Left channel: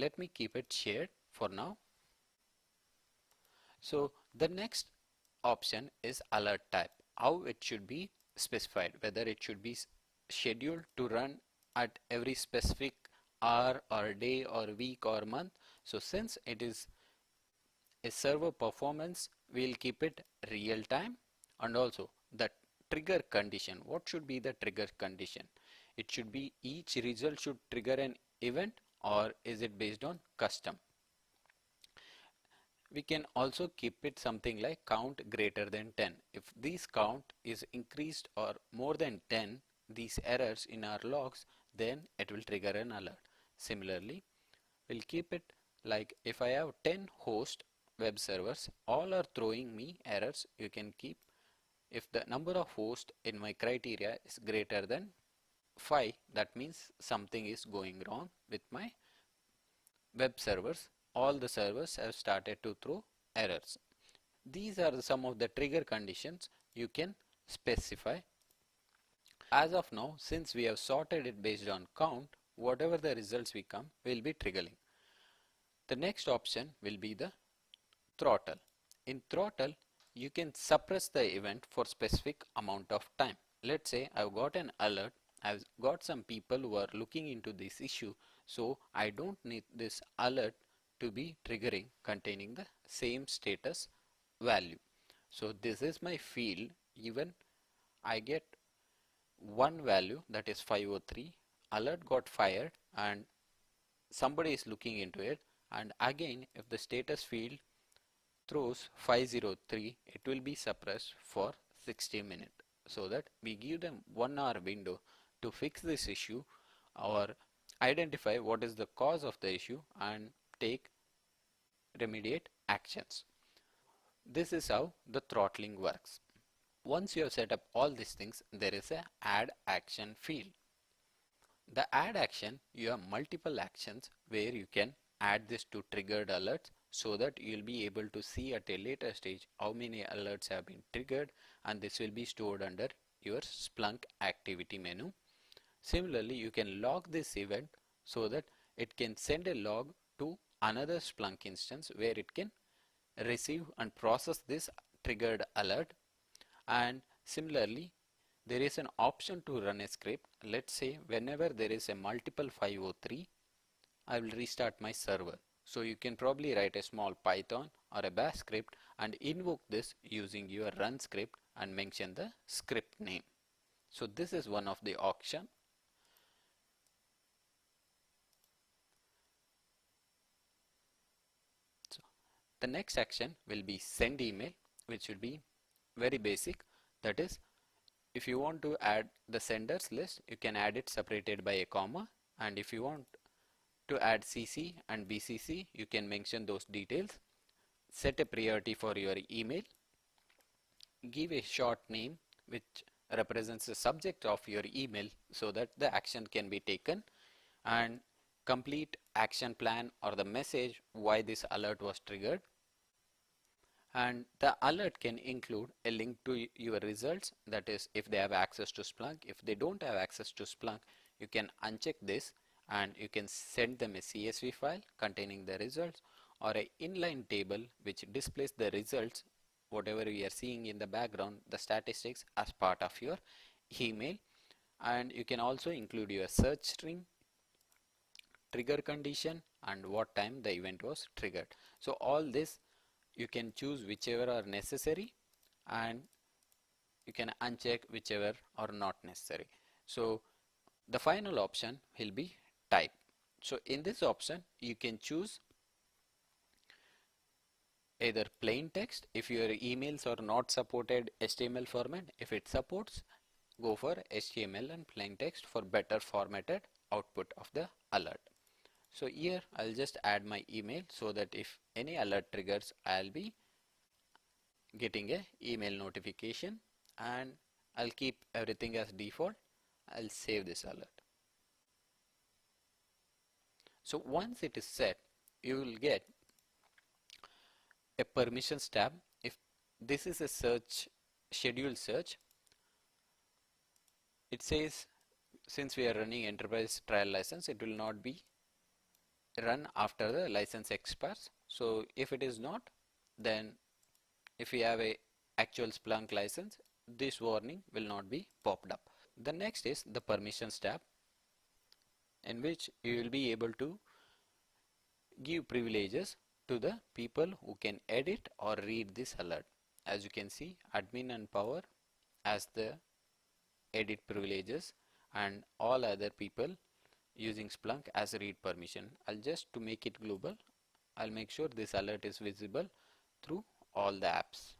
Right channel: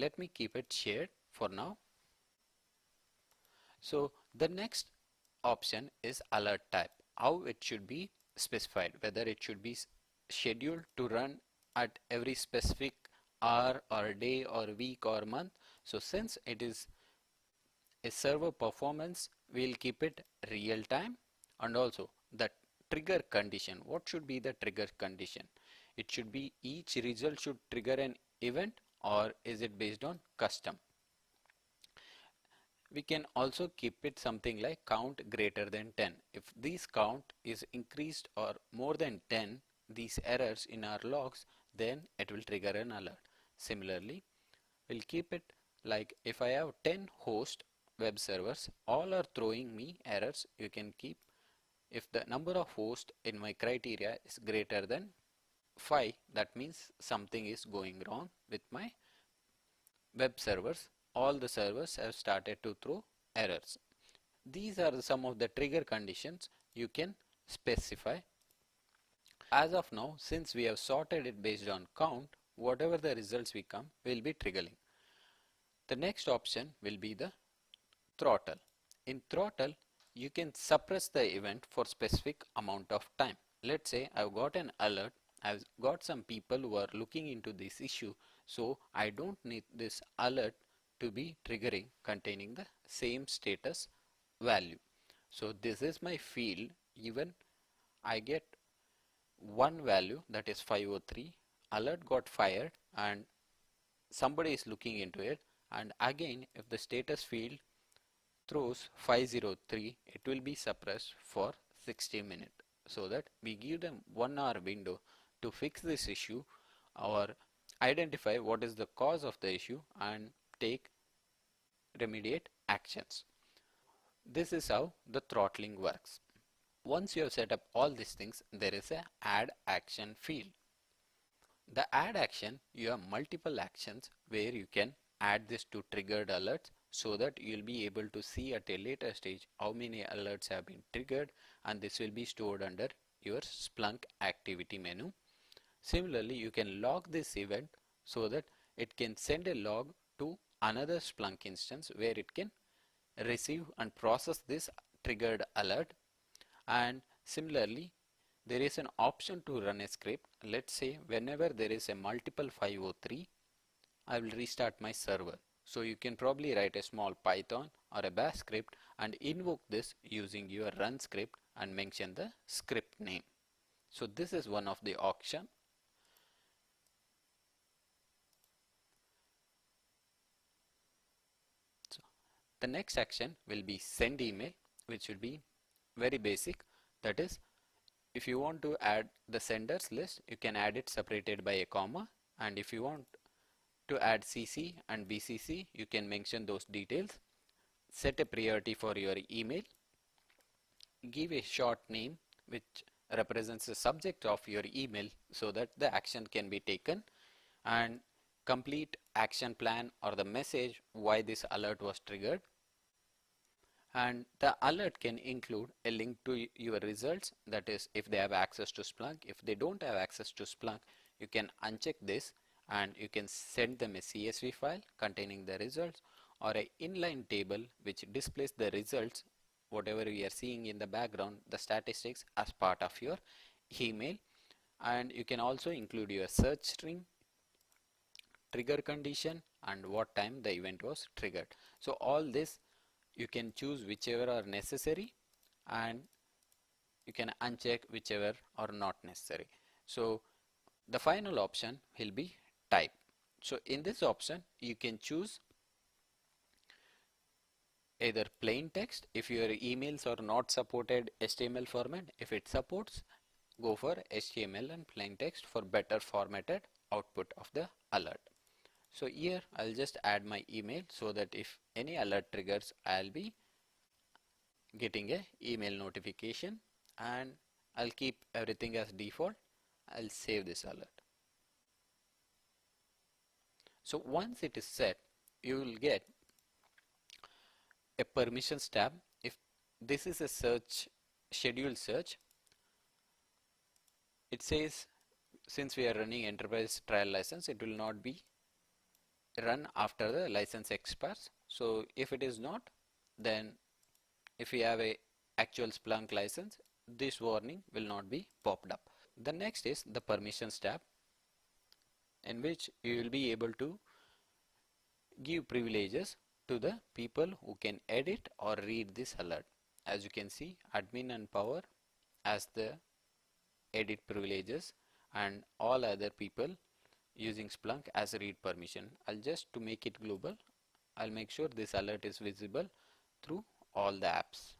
let me keep it shared for now. So the next option is alert type, how it should be specified, whether it should be scheduled to run at every specific hour or day or week or month. So since it is a server performance, we'll keep it real time. And also the trigger condition, what should be the trigger condition? It should be each result should trigger an event, or is it based on custom? We can also keep it something like count greater than 10. If this count is increased or more than 10, these errors in our logs, then it will trigger an alert. Similarly, we'll keep it like if I have 10 host web servers, all are throwing me errors. You can keep, if the number of hosts in my criteria is greater than 5, that means something is going wrong with my web servers. All the servers have started to throw errors. These are some of the trigger conditions you can specify. As of now, since we have sorted it based on count, whatever the results we come will be triggering. The next option will be the throttle. In throttle, you can suppress the event for specific amount of time. Let's say I've got an alert, I've got some people who are looking into this issue, so I don't need this alert to be triggering containing the same status value. So this is my field, even I get one value, that is 503, alert got fired and somebody is looking into it, and again if the status field throws 503, it will be suppressed for 60 minutes, so that we give them 1 hour window to fix this issue or identify what is the cause of the issue and take remediate actions. This is how the throttling works. Once you have set up all these things, there is a add action field. The add action, you have multiple actions where you can add this to triggered alerts, so that you will be able to see at a later stage how many alerts have been triggered, and this will be stored under your Splunk activity menu. Similarly, you can log this event so that it can send a log to another Splunk instance where it can receive and process this triggered alert. And similarly, there is an option to run a script. Let's say whenever there is a multiple 503, I will restart my server. So you can probably write a small Python or a bash script and invoke this using your run script and mention the script name. So this is one of the options. So the next action will be send email, which will be very basic. That is, if you want to add the senders list, you can add it separated by a comma, and if you want to add CC and BCC, you can mention those details. Set a priority for your email. Give a short name which represents the subject of your email so that the action can be taken, and complete action plan or the message why this alert was triggered. And the alert can include a link to your results, that is if they have access to Splunk. If they don't have access to Splunk, you can uncheck this and you can send them a CSV file containing the results, or an inline table which displays the results, whatever we are seeing in the background, the statistics, as part of your email. And you can also include your search string, trigger condition, and what time the event was triggered. So all this you can choose whichever are necessary, and you can uncheck whichever are not necessary. So the final option will be type. So in this option you can choose either plain text if your emails are not supported HTML format. If it supports, go for HTML and plain text for better formatted output of the alert. So here I'll just add my email so that if any alert triggers, I'll be getting a email notification, and I'll keep everything as default. I'll save this alert. So once it is set, you will get a permissions tab. If this is a search, scheduled search, it says since we are running enterprise trial license, it will not be run after the license expires. So if it is not, then if you have a actual Splunk license, this warning will not be popped up. The next is the permissions tab, in which you will be able to give privileges to the people who can edit or read this alert. As you can see, admin and power as the edit privileges and all other people using Splunk as a read permission. To make it global, I'll make sure this alert is visible through all the apps.